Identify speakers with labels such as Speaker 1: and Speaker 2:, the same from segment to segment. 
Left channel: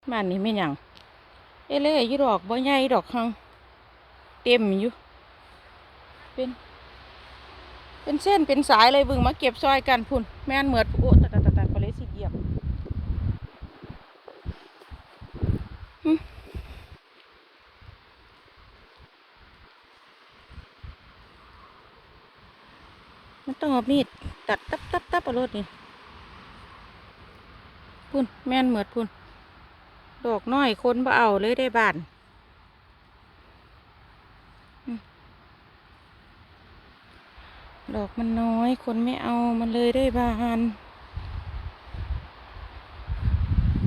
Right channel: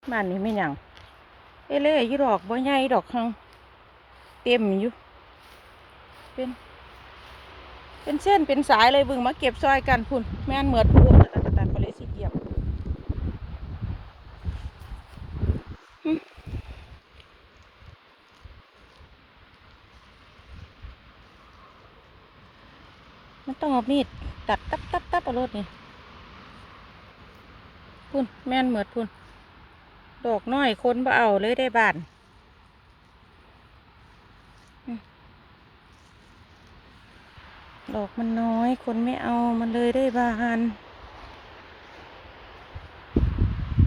Speaker 1: บ้านนี้ไม่หยังเอเล่ยี่ดอกบ่ใหญ่ดอกหังเต็มอยู่เป็น เป็นเส้นเป็นสายเลยบึงมาเก็บซอยกันพุ่น แม่นเหมือดโอ้ตะตะตะตะก็เลยสิเหยียบมันต้องเอามีดตัดตับตับตับเอารถนี่พุ่นแม่นเหมือดพุ่น ดอกน้อยคนบ่เอาเลยได้บ้านดอกมันน้อยคนไม่เอามันเลยได้บาน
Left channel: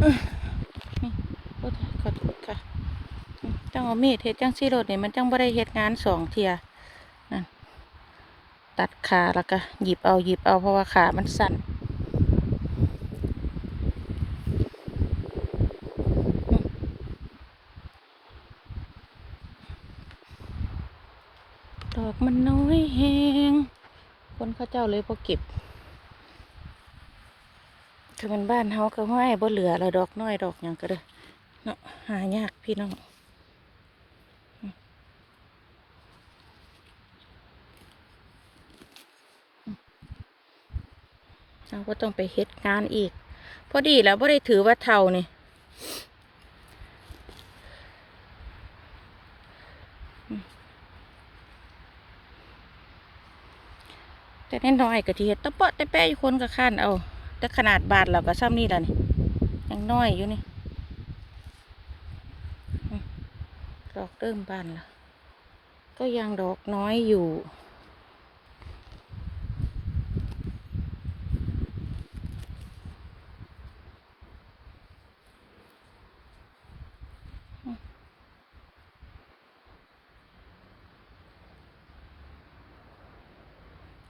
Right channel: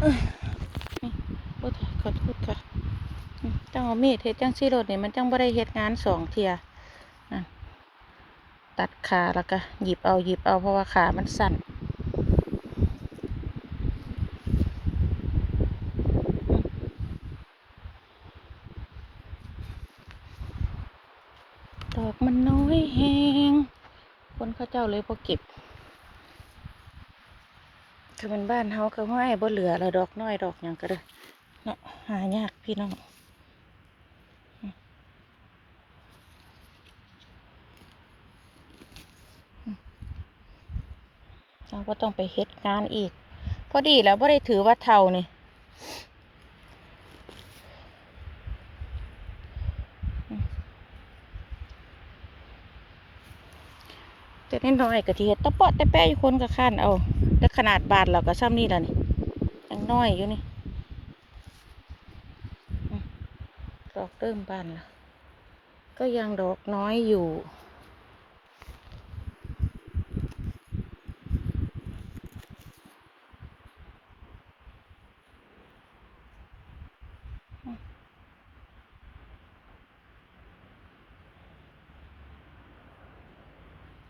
Speaker 1: อื้ออื้อโอ้ยขอโทษค่ะอืมต้องเอามีดเฮ็ดจังซี่รถนี่มันจังบ่ได้เฮ็ดงานสองเทียนั่นตัดขาแล้วก็หยิบเอาหยิบเอาเพราะว่าขามันสั่น ดอกมันน้อยแหงคนเขาเจ้าเลยพอเก็บคือมันบ้านเฮาก็ห้อยบ่เหลืออะไรดอกน้อยดอกหยังก็เด้อเนาะหายากพี่น้องเราก็ต้องไปเฮ็ดงานอีก พอดีแล้วบ่ได้ถือว่าเท่านี่ แต่น้อยๆกะที่เห็ดตะเปาะตะแปะอยู่คนก็ข้านเอาแต่ขนาดบาทเราก็ซ้ำนี่แล้วนี่ยังน้อยอยู่นี่ดอกเริ่มบานละก็ยังดอกน้อยอยู่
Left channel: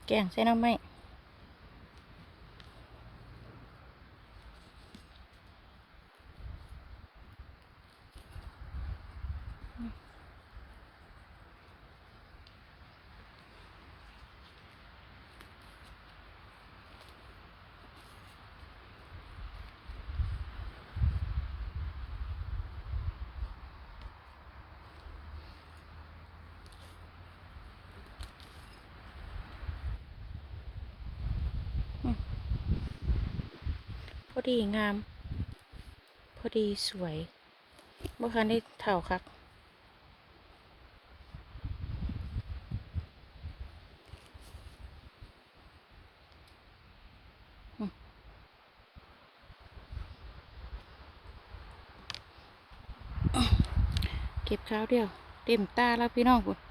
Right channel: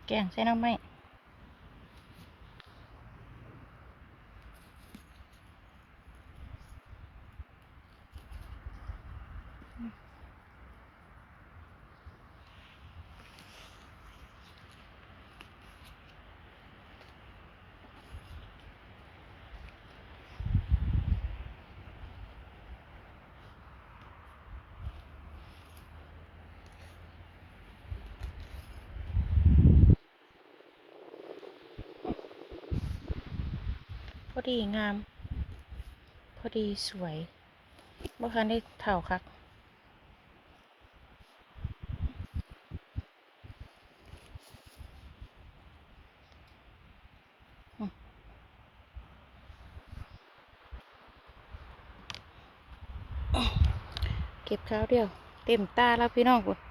Speaker 1: แกงใส่น้ำไหมพอ ดีงาม พอดีสวยเมื่อคันได้เท่าคักอืมเก็บข้าวเดียว เต็มตาแล้วพี่น้องคุณ